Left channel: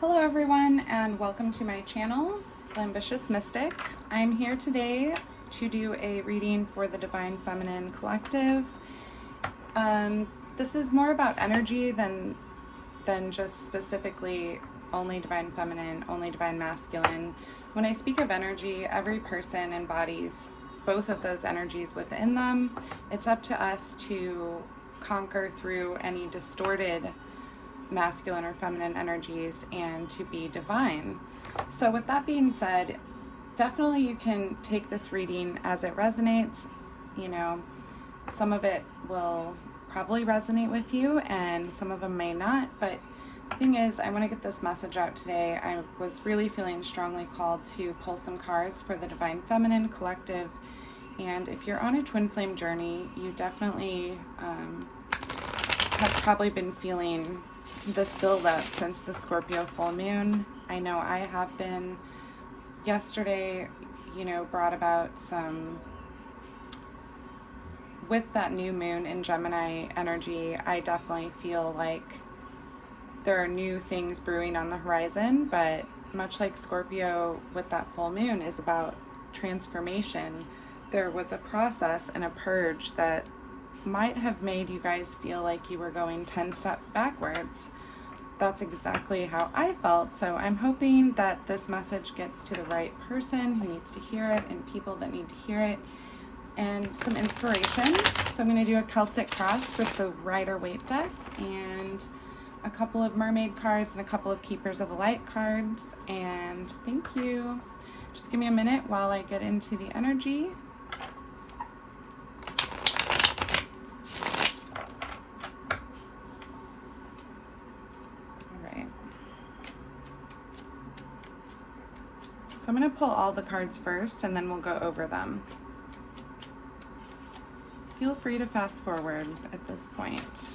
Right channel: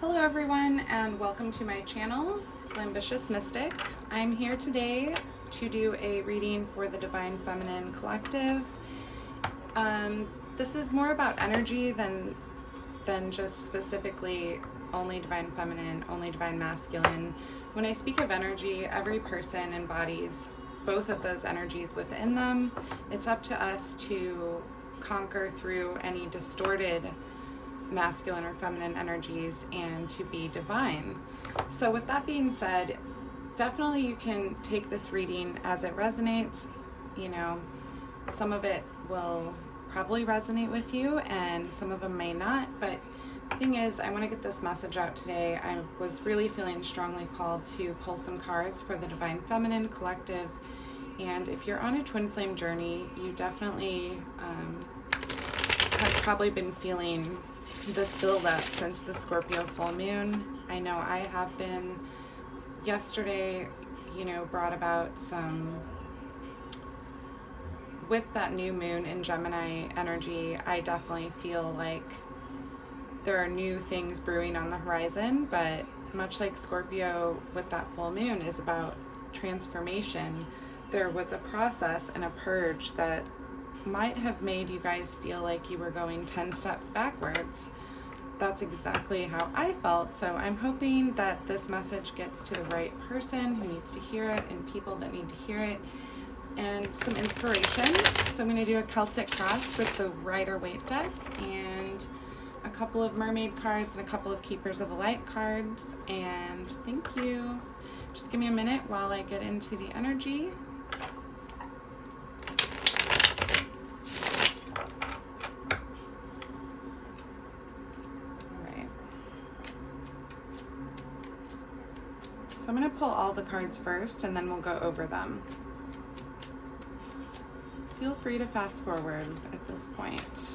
Hello everyone and welcome to my channel, The Ambitious Mystic. I'm here today to do a reading for the Divine Feminine Collective. This is more about energy than just specifically only Divine Feminine, only Divine Masculine. When I speak of energy, every person embodies both of those energies within them. It's up to us to conquer through any distorted masculine or feminine energies and to be divine. So with that being said, definitely you can take this reading as it resonates. You know, some of it will probably resonate with you and some of them may not, but the thing is, I want to get this message out today. I was really feeling strongly called to pull some cards for the Divine Feminine Collective, and if you're on a twin flame journey, you definitely have probably been feeling this build up since the Scorpio full moon. I know I have been. Yesterday, brought about some, with that new moon in Gemini energy, I definitely feel like there are new things brewing on the horizon, but much like Scorpio with that full moon is about transformation. There was a process and a purge that might have made you guys feel like you were going 10 steps backwards. That's exactly how I felt. So I'm hoping that this message gets to the right person who needs to hear it and people that need to hear it, and some inspiration. So I'm going to do a Celtic cross with the Rider-Waite deck and a couple of mermaid cards and a couple of Keepers of the Light cards. And thank you. Just give me a minute while I get into the energy. So I'm going to pull all the cards first and then we'll go over them. Feel free to fast forward at this point.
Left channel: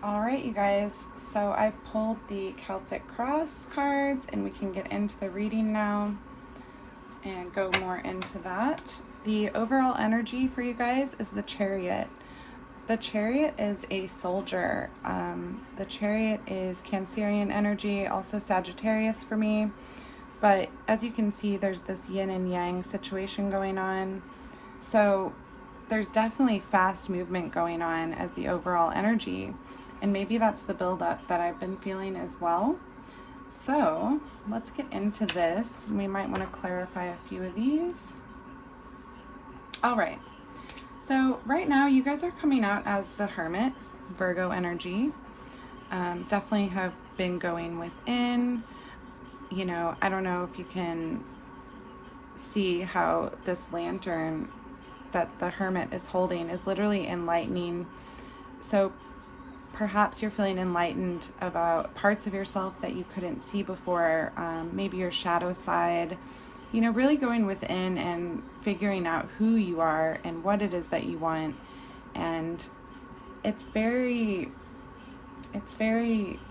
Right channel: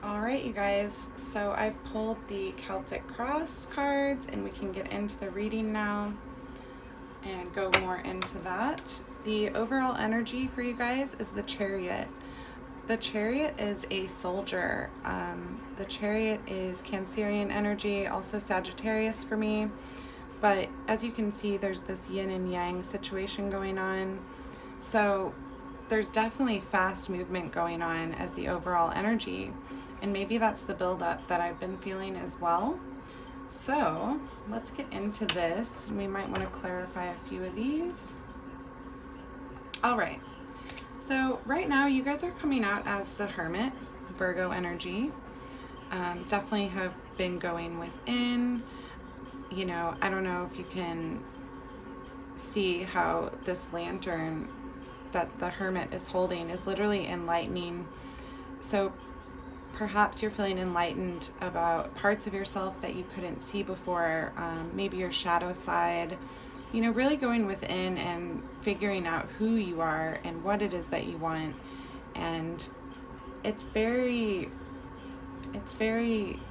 All right, you guys, so I've pulled the Celtic Cross cards and we can get into the reading now and go more into that. The overall energy for you guys is the Chariot. The Chariot is a soldier. The Chariot is Cancerian energy, also Sagittarius for me. But as you can see, there's this yin and yang situation going on. So there's definitely fast movement going on as the overall energy. And maybe that's the buildup that I've been feeling as well. So let's get into this. We might want to clarify a few of these. All right. So right now you guys are coming out as the Hermit, Virgo energy. Definitely have been going within. I don't know if you can see how this lantern that the Hermit is holding is literally enlightening. So perhaps you're feeling enlightened about parts of yourself that you couldn't see before, maybe your shadow side, you know, really going within and figuring out who you are and what it is that you want. And it's very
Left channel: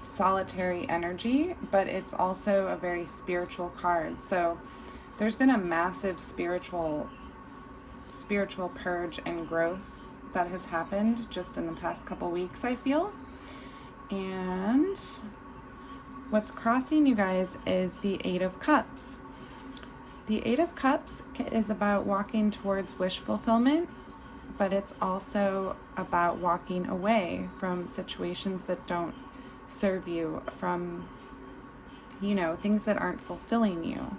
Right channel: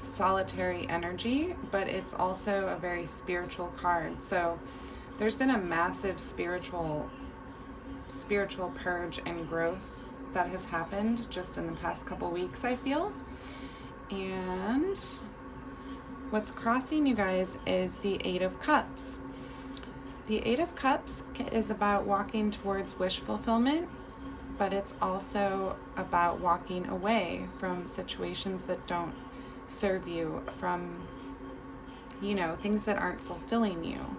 solitary energy, but it's also a very spiritual card. So there's been a massive spiritual purge and growth that has happened just in the past couple weeks, I feel. And what's crossing you guys is the Eight of Cups. The Eight of Cups is about walking towards wish fulfillment, but it's also about walking away from situations that don't serve you, from, you know, things that aren't fulfilling you.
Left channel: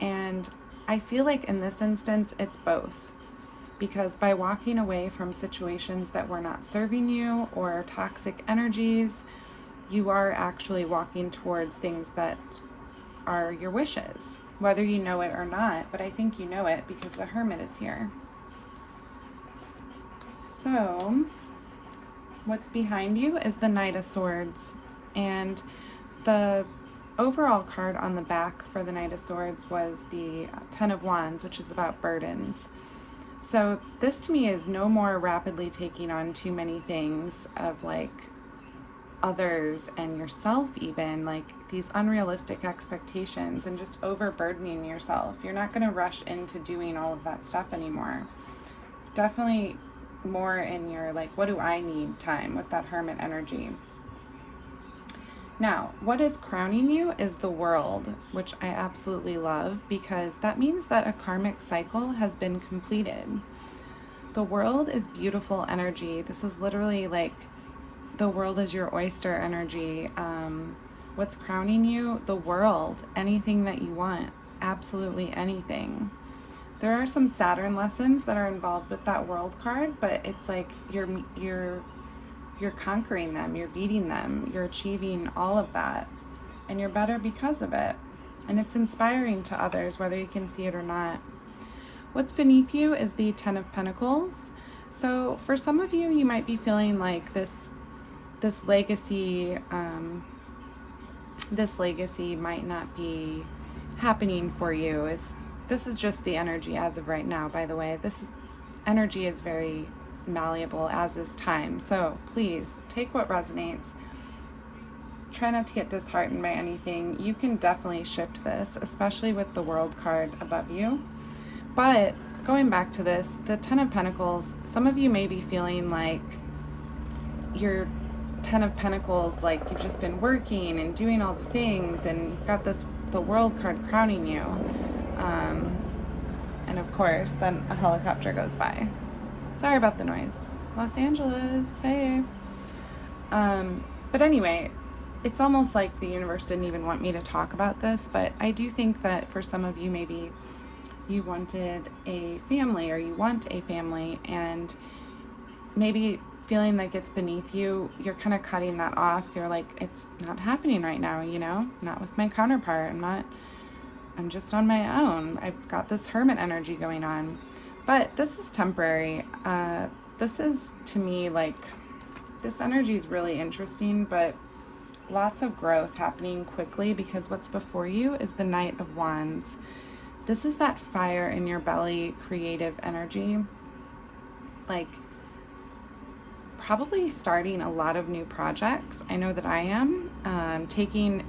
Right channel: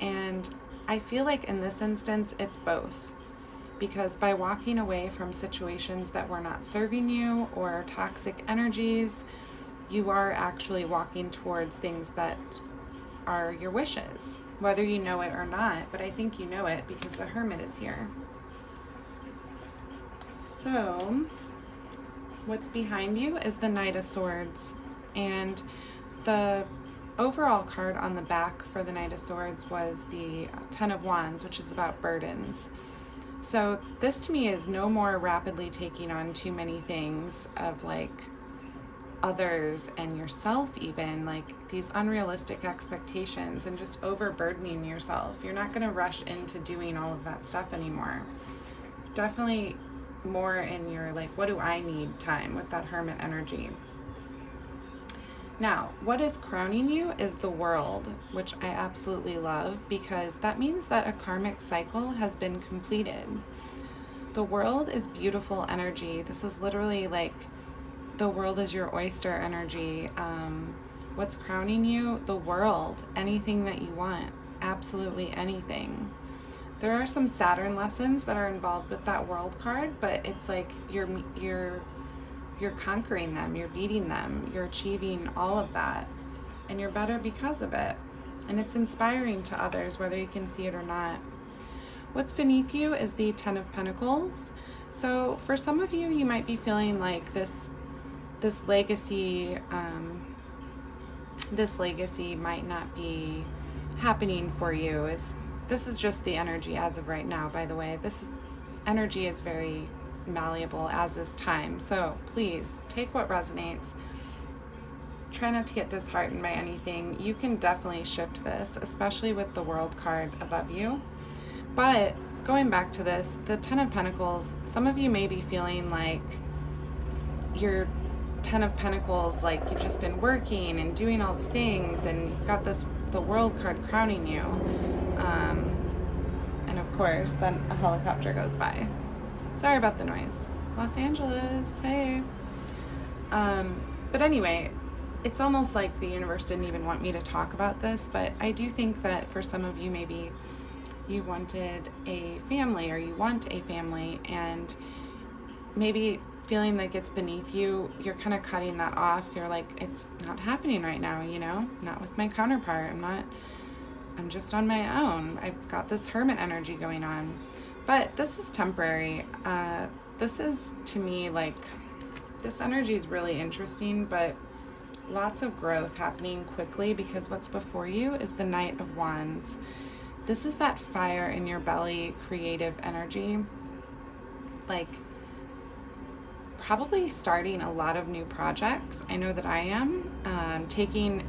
And I feel like in this instance, it's both. Because by walking away from situations that were not serving you or toxic energies, you are actually walking towards things that are your wishes, whether you know it or not. But I think you know it because the Hermit is here. So what's behind you is the Knight of Swords. And the overall card on the back for the Knight of Swords was the Ten of Wands, which is about burdens. So this to me is no more rapidly taking on too many things of like others and yourself, even like these unrealistic expectations and just overburdening yourself. You're not going to rush into doing all of that stuff anymore. Definitely more in your like, what do I need time with that Hermit energy. Now, what is crowning you is the World, which I absolutely love because that means that a karmic cycle has been completed. The World is beautiful energy. This is literally like the world is your oyster energy. What's crowning you? The world. Anything that you want. Absolutely anything. There are some Saturn lessons that are involved with that World card, but it's like you're conquering them, you're beating them, you're achieving all of that, and you're better because of it. And it's inspiring to others, whether you can see it or not. What's beneath you is the Ten of Pentacles. So for some of you, you might be feeling like this legacy might not be happening for you. This is just the energy as of right now, by the way. Energy is very malleable, as is time. So please take what resonates. Try not to get disheartened by anything. You can definitely shift this, especially with the World card above you. But going back to this, the Ten of Pentacles, some of you may be feeling like your Ten of Pentacles, like you've just been working and doing all the things, and you've got the World card crowning you. And of course, then a helicopter goes by. Sorry about the noise. Los Angeles, hey. But anyway, it's almost like the universe didn't even want me to talk about this, but I do think that for some of you, maybe you wanted a family or you want a family, and maybe feeling like it's beneath you, you're kind of cutting that off. You're like, it's not happening right now, you know, not with my counterpart. I'm just on my own. I've got this Hermit energy going on. But this is temporary. This is, to me, like, this energy is really interesting, but lots of growth happening quickly because what's before you is the Knight of Wands. This is that fire in your belly, creative energy. Like, probably starting a lot of new projects. I know that I am. Taking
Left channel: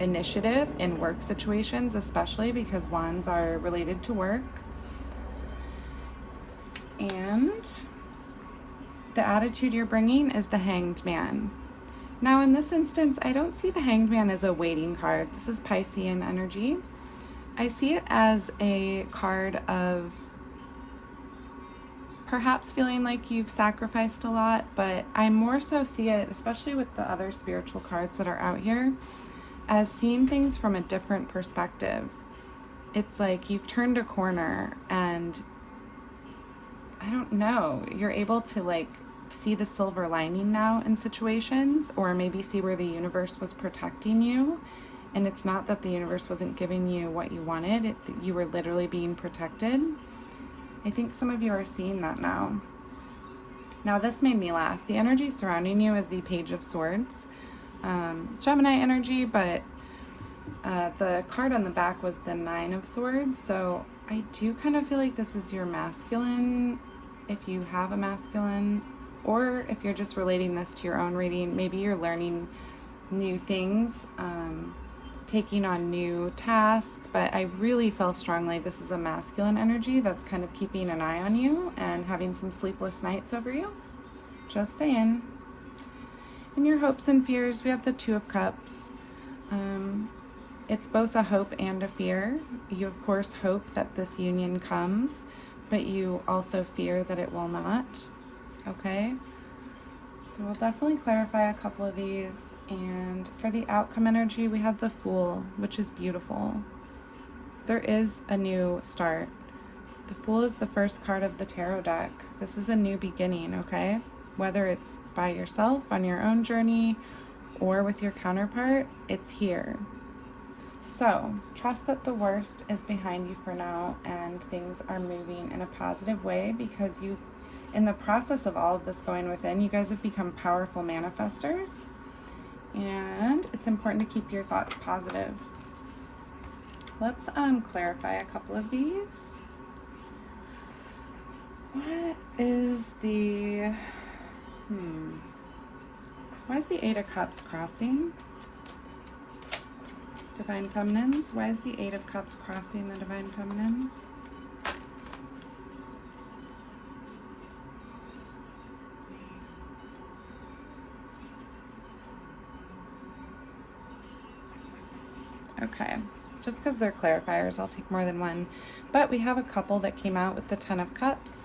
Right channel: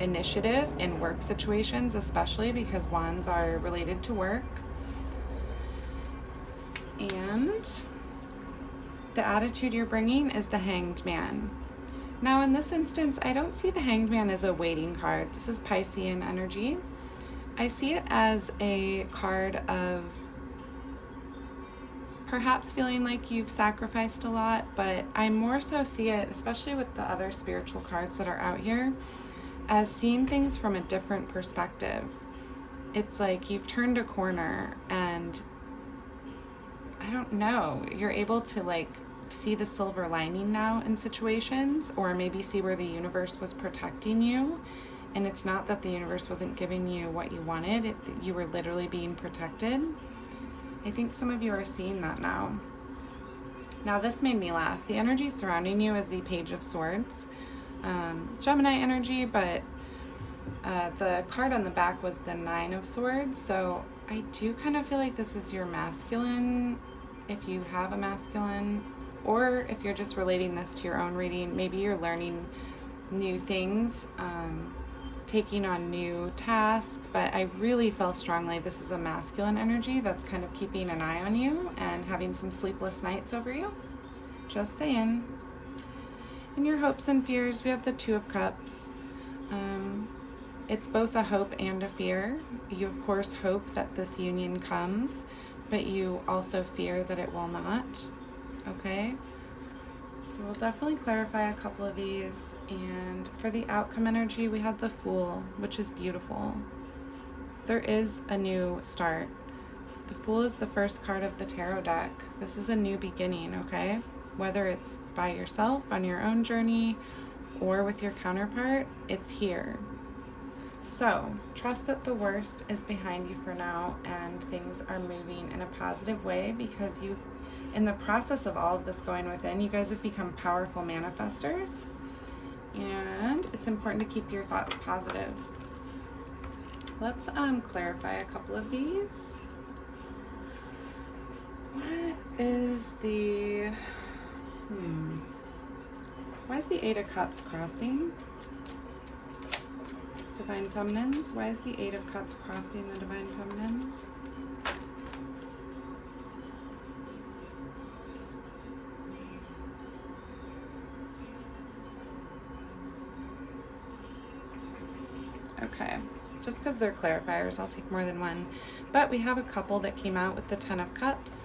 initiative in work situations, especially because wands are related to work. And the attitude you're bringing is the Hanged Man. Now in this instance, I don't see the Hanged Man as a waiting card. This is Piscean energy. I see it as a card of perhaps feeling like you've sacrificed a lot, but I more so see it, especially with the other spiritual cards that are out here, as seeing things from a different perspective. It's like you've turned a corner and I don't know, you're able to like see the silver lining now in situations, or maybe see where the universe was protecting you. And it's not that the universe wasn't giving you what you wanted, you were literally being protected. I think some of you are seeing that now. Now this made me laugh. The energy surrounding you is the Page of Swords. Gemini energy, but the card on the back was the Nine of Swords. So I do kind of feel like this is your masculine, if you have a masculine, or if you're just relating this to your own reading, maybe you're learning new things, taking on new tasks, but I really feel strongly this is a masculine energy that's kind of keeping an eye on you and having some sleepless nights over you. Just saying. In your hopes and fears, we have the Two of Cups. It's both a hope and a fear. You, of course, hope that this union comes, but you also fear that it will not. Okay? So we'll definitely clarify a couple of these. And for the outcome energy, we have the Fool, which is beautiful. There is a new start. The Fool is the first card of the tarot deck. This is a new beginning, okay? Whether it's by yourself on your own journey or with your counterpart, it's here. So trust that the worst is behind you for now and things are moving in a positive way, because you, in the process of all of this going within, you guys have become powerful manifestors, and it's important to keep your thoughts positive. Let's clarify a couple of these. What is the why is the Eight of Cups crossing? Divine Feminines. Why is the Eight of Cups crossing the Divine Feminines? Okay, just because they're clarifiers, I'll take more than one. But we have a couple that came out with the Ten of Cups,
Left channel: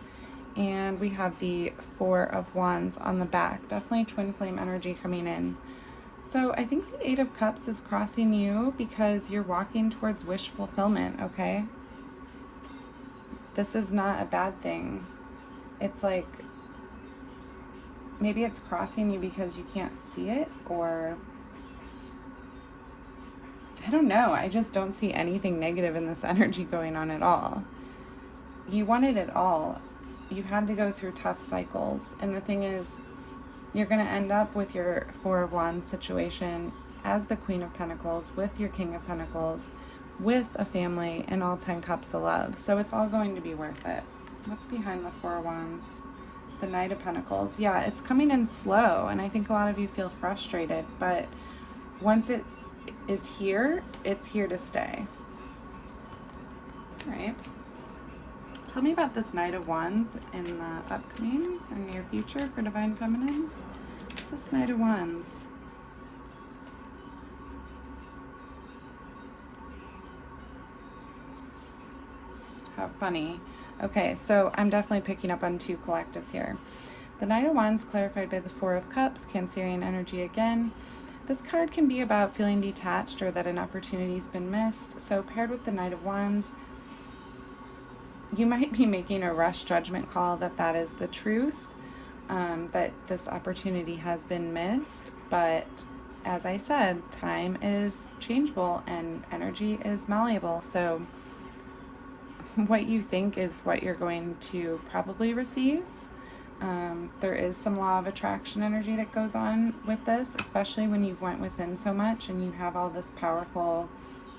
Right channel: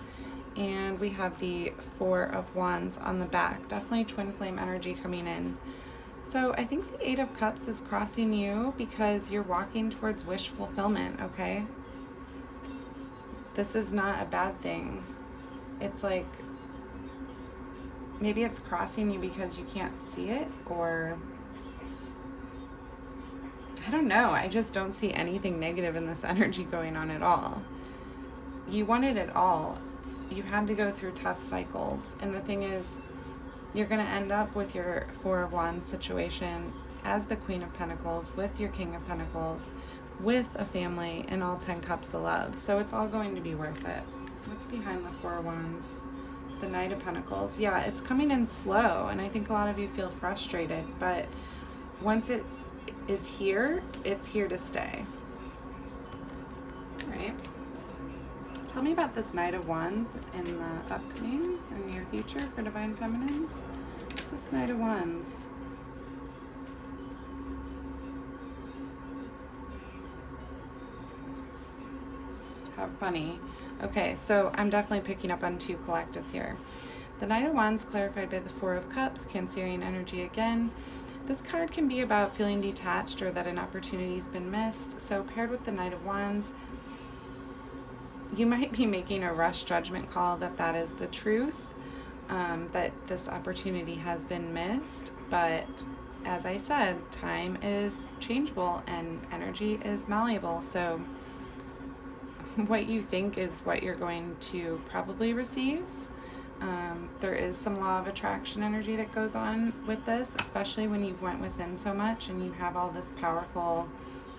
and we have the Four of Wands on the back. Definitely twin flame energy coming in. So I think the Eight of Cups is crossing you because you're walking towards wish fulfillment, okay? This is not a bad thing. It's like, maybe it's crossing you because you can't see it, or I don't know. I just don't see anything negative in this energy going on at all. You wanted it all. You had to go through tough cycles. And the thing is, you're going to end up with your Four of Wands situation as the Queen of Pentacles, with your King of Pentacles, with a family, and all 10 cups of love. So it's all going to be worth it. What's behind the Four of Wands? The Knight of Pentacles. Yeah, it's coming in slow, and I think a lot of you feel frustrated, but once it is here, it's here to stay. All right. Tell me about this Knight of Wands in the upcoming and near future for Divine Feminines. What's this Knight of Wands? How funny. Okay, so I'm definitely picking up on two collectives here. The Knight of Wands clarified by the Four of Cups, Cancerian energy again. This card can be about feeling detached or that an opportunity's been missed. So paired with the Knight of Wands, you might be making a rush judgment call that is the truth, that this opportunity has been missed. But as I said, time is changeable and energy is malleable. So what you think is what you're going to probably receive. There is some law of attraction energy that goes on with this, especially when you've went within so much and you have all this powerful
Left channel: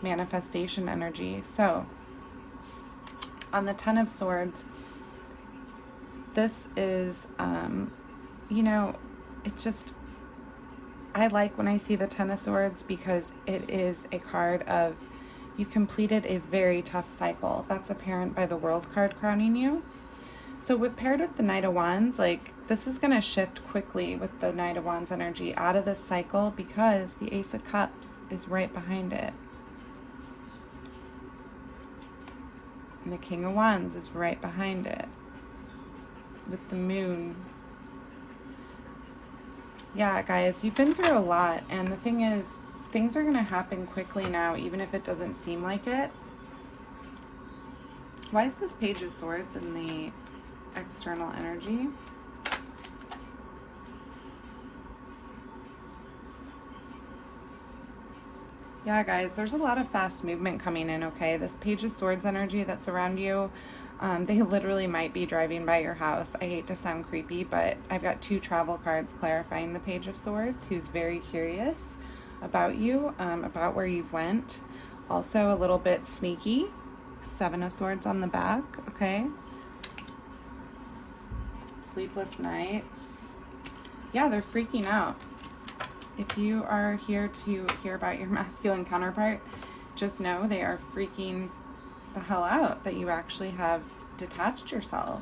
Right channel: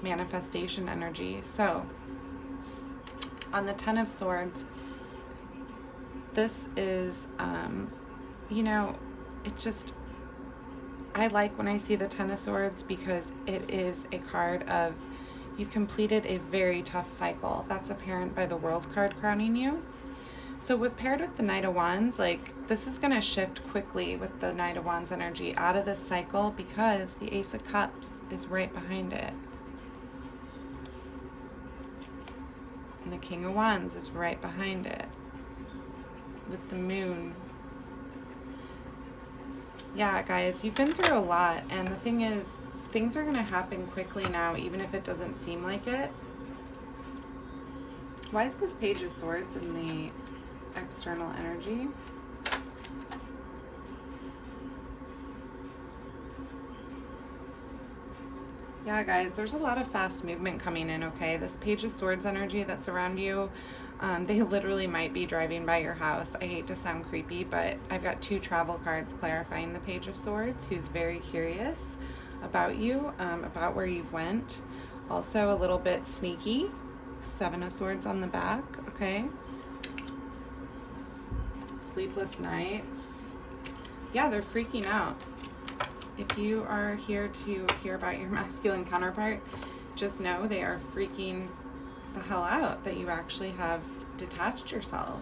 manifestation energy. So on the Ten of Swords, this is, you know, it just, I like when I see the Ten of Swords because it is a card of, you've completed a very tough cycle. That's apparent by the World card crowning you. So paired with the Knight of Wands, like, this is going to shift quickly with the Knight of Wands energy out of this cycle because the Ace of Cups is right behind it. And the King of Wands is right behind it with the Moon. Yeah, guys, you've been through a lot, and the thing is, things are going to happen quickly now, even if it doesn't seem like it. Why is this Page of Swords in the external energy? Yeah, guys, there's a lot of fast movement coming in, okay? This Page of Swords energy that's around you, They literally might be driving by your house. I hate to sound creepy, but I've got 2 travel cards clarifying the Page of Swords, who's very curious about you, about where you've went. Also a little bit sneaky. 7 of Swords on the back, okay? Sleepless nights. Yeah, they're freaking out. If you are here to hear about your masculine counterpart, just know they are freaking the hell out that you actually have detached yourself.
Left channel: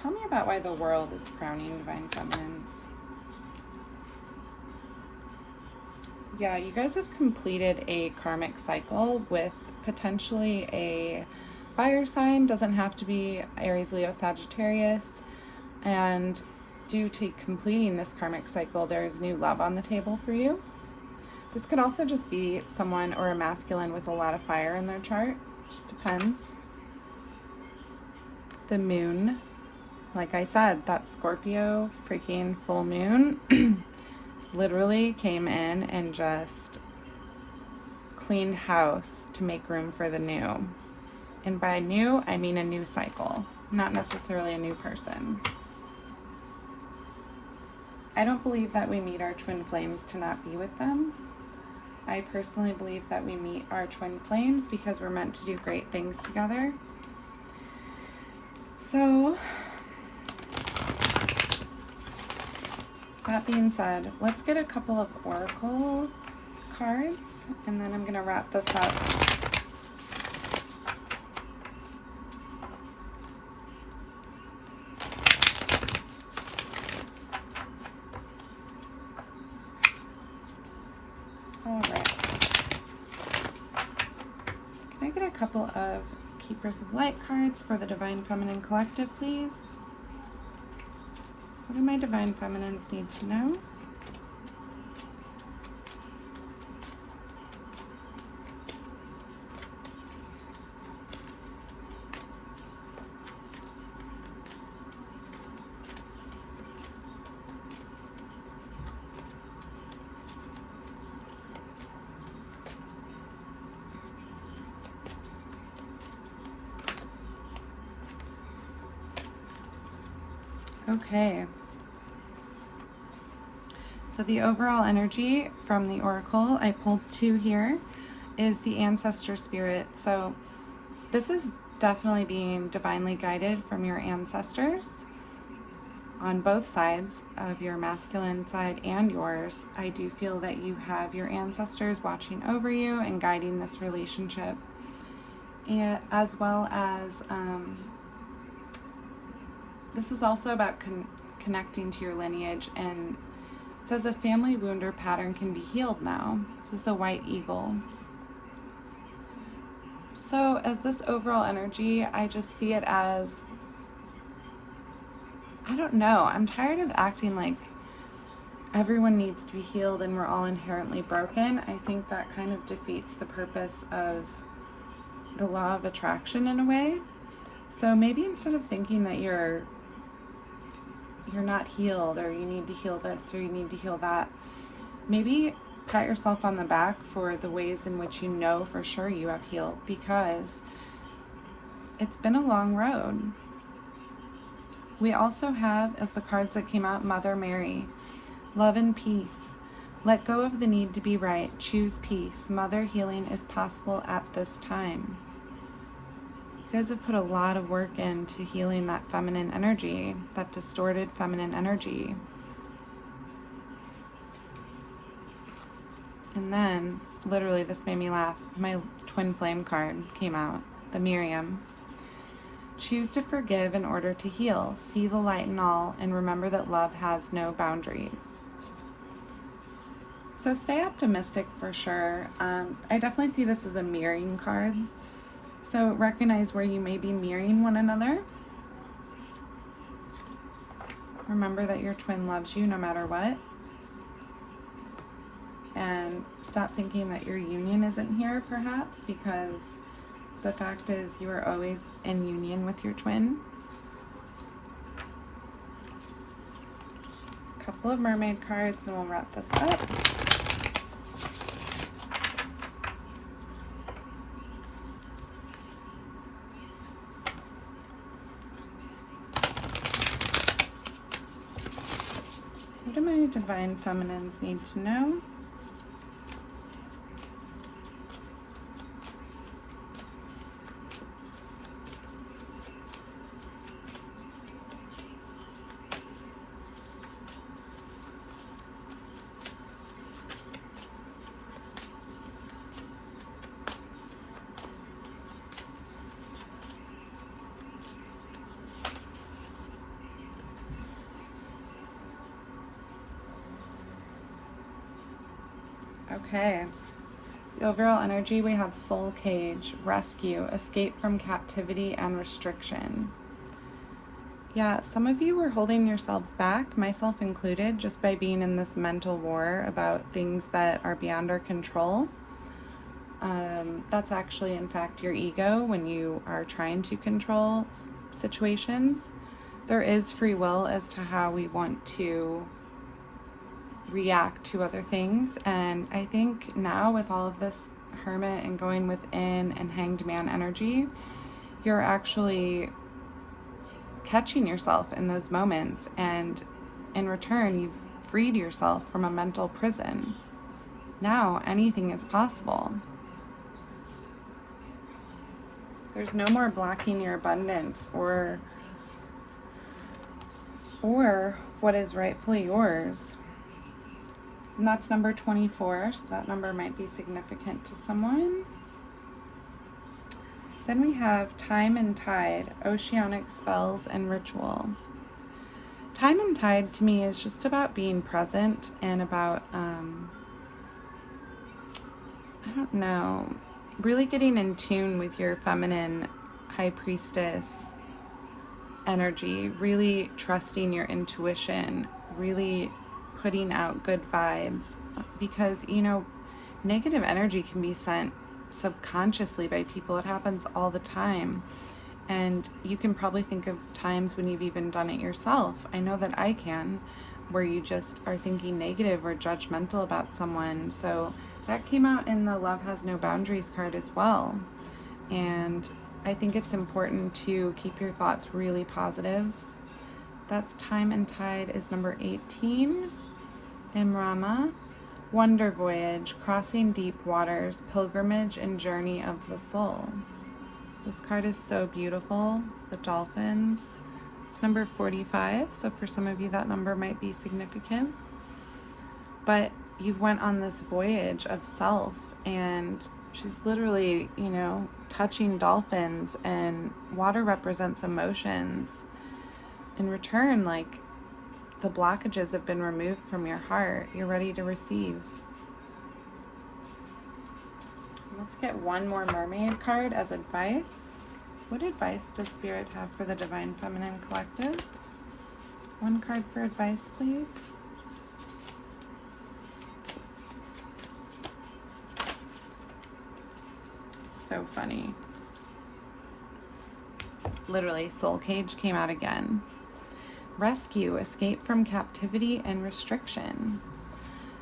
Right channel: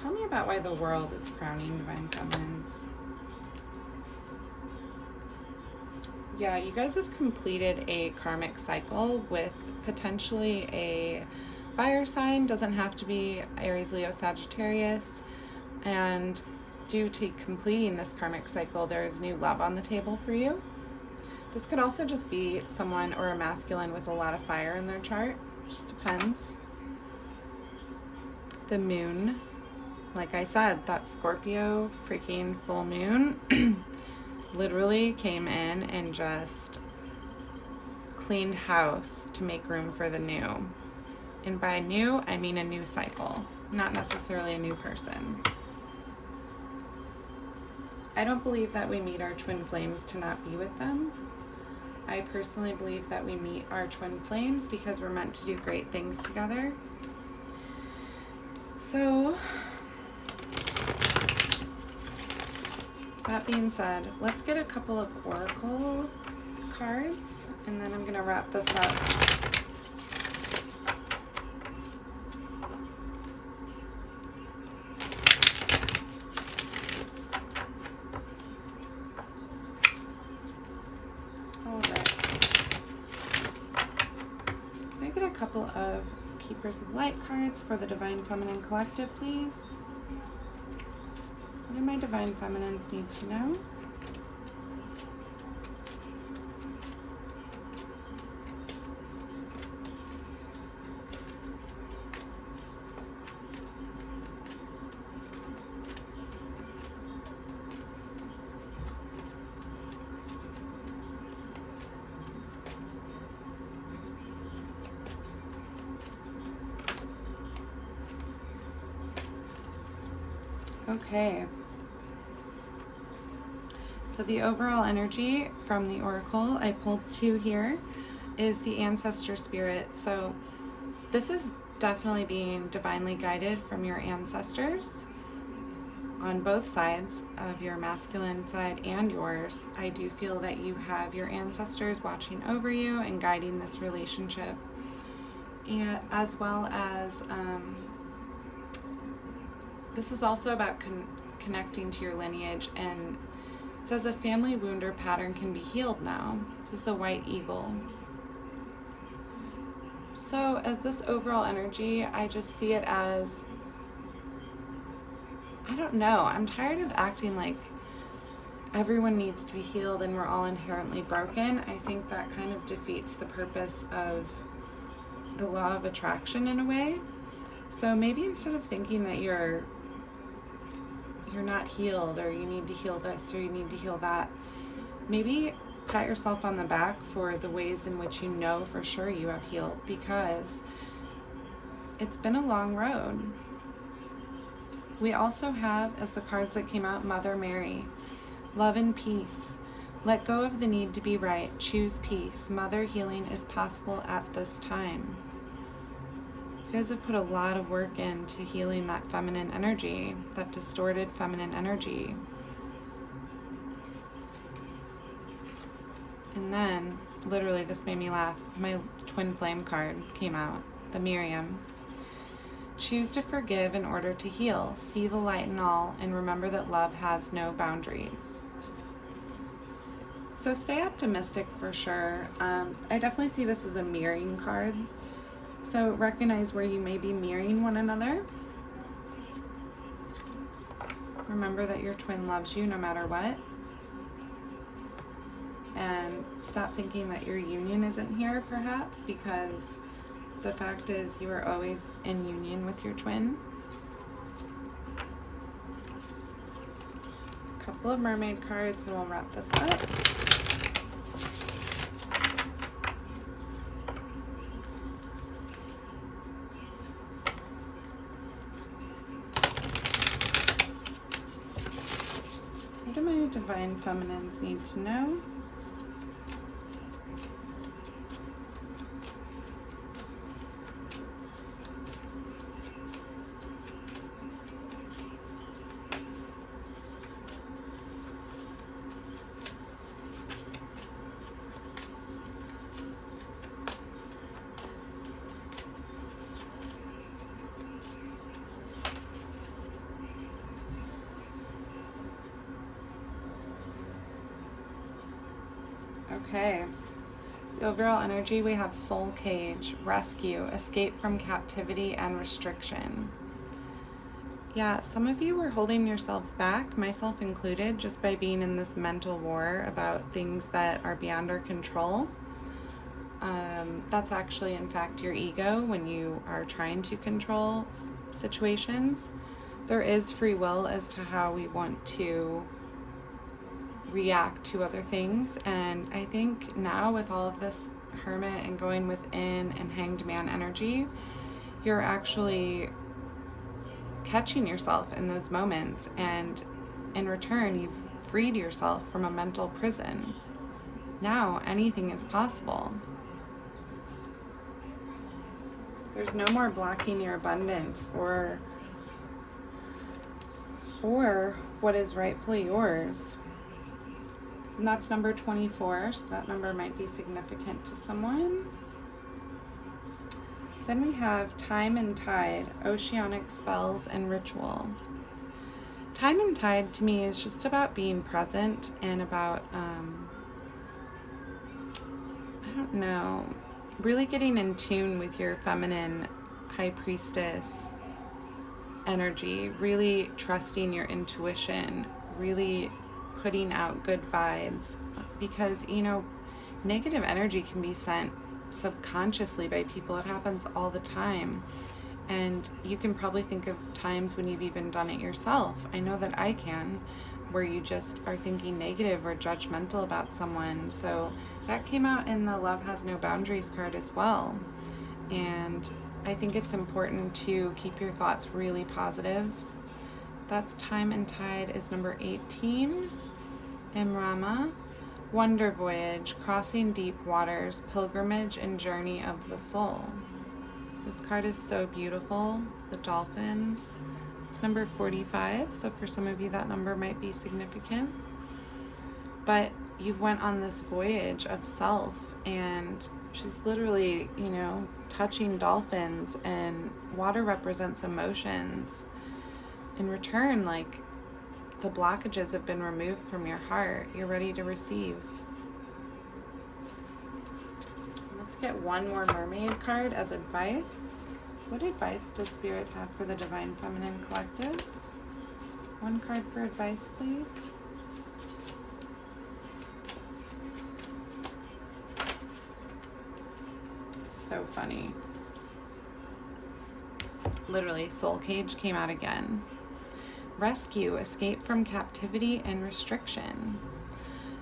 Tell me about why the world is crowning divine feminines. Yeah, you guys have completed a karmic cycle with potentially a fire sign. Doesn't have to be Aries, Leo, Sagittarius. And due to completing this karmic cycle, there's new love on the table for you. This could also just be someone or a masculine with a lot of fire in their chart. Just depends. The moon, like I said, that Scorpio freaking full moon literally came in and just cleaned house to make room for the new. And by new, I mean a new cycle, not necessarily a new person. I don't believe that we meet our twin flames to not be with them. I personally believe that we meet our twin flames because we're meant to do great things together. So, that being said, let's get a couple of oracle cards, and then I'm going to wrap this up. A couple of Keepers of Light cards for the Divine Feminine Collective, please. What do my Divine Feminines need to know? Okay, so the overall energy from the oracle, I pulled 2 here, is the ancestor spirit. So this is definitely being divinely guided from your ancestors on both sides of your masculine side and yours. I do feel that you have your ancestors watching over you and guiding this relationship, and as well as this is also about connecting to your lineage, and it says a family wound or pattern can be healed now. This is the White Eagle. So as this overall energy, I just see it as, I don't know, I'm tired of acting like everyone needs to be healed and we're all inherently broken. I think that kind of defeats the purpose of the law of attraction in a way. So maybe instead of thinking that you're not healed, or you need to heal this, or you need to heal that, maybe pat yourself on the back for the ways in which you know for sure you have healed, because it's been a long road. We also have, as the cards that came out, Mother Mary, love and peace. Let go of the need to be right. Choose peace. Mother healing is possible at this time. You guys have put a lot of work into healing that feminine energy, that distorted feminine energy. And then, literally, this made me laugh. My twin flame card came out, the Miriam. Choose to forgive in order to heal. See the light in all, and remember that love has no boundaries. So stay optimistic for sure. I definitely see this as a mirroring card. So recognize where you may be mirroring one another. Remember that your twin loves you no matter what. And stop thinking that your union isn't here, perhaps, because the fact is you are always in union with your twin. A couple of mermaid cards, and we'll wrap this up. do Divine Feminines need to know? Okay. The overall energy, we have soul cage, rescue, escape from captivity and restriction. Yeah, some of you were holding yourselves back, myself included, just by being in this mental war about things that are beyond our control. That's actually, in fact, your ego when you are trying to control situations. There is free will as to how we want to react to other things, and I think now with all of this Hermit and going within and Hanged Man energy, you're actually catching yourself in those moments, and in return you've freed yourself from a mental prison. Now anything is possible. There's no more blocking your abundance or what is rightfully yours. And that's number 24, so that number might be significant to someone. Then we have Time and Tide, Oceanic Spells and Ritual. Time and Tide to me is just about being present and about, I don't know, really getting in tune with your feminine high priestess energy, really trusting your intuition, really putting out good vibes, because, you know, negative energy can be sent subconsciously by people. It happens all the time, and you can probably think of times when you've even done it yourself. I know that I can, where you just are thinking negative or judgmental about someone. So that came out in the Love Has No Boundaries card as well, and I think it's important to keep your thoughts really positive. That's Time and Tide is number 18. Imrama, Wonder Voyage, Crossing Deep Waters, Pilgrimage and Journey of the Soul. This card is so beautiful. The dolphins. It's number 45, so for some of you that number might be significant. But you went on this voyage of self, and she's literally, you know, touching dolphins, and water represents emotions. In return, like, the blockages have been removed from your heart. You're ready to receive. Let's get one more mermaid card as advice. What advice does Spirit have for the Divine Feminine Collective? One card for advice, please. So funny. Literally, Soul Cage came out again. Rescue, escape from captivity and restriction.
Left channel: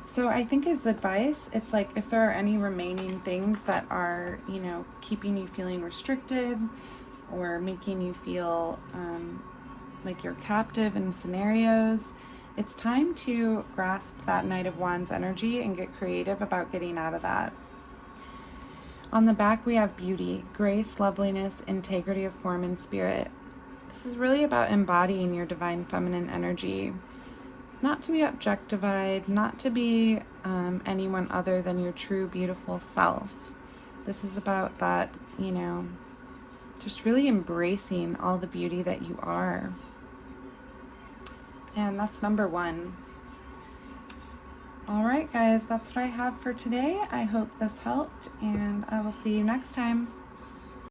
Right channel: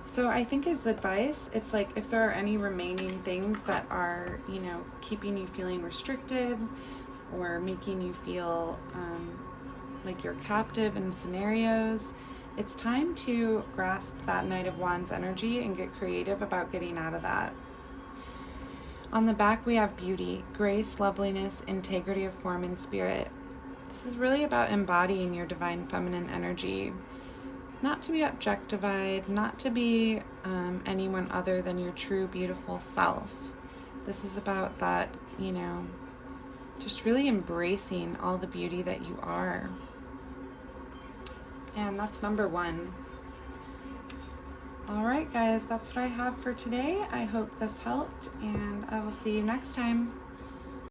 So I think as advice, it's like if there are any remaining things that are, you know, keeping you feeling restricted or making you feel like you're captive in scenarios, it's time to grasp that Knight of Wands energy and get creative about getting out of that. On the back, we have beauty, grace, loveliness, integrity of form and spirit. This is really about embodying your divine feminine energy, not to be objectified, not to be anyone other than your true beautiful self. This is about that, you know, just really embracing all the beauty that you are. And that's number 1. All right, guys, that's what I have for today. I hope this helped, and I will see you next time.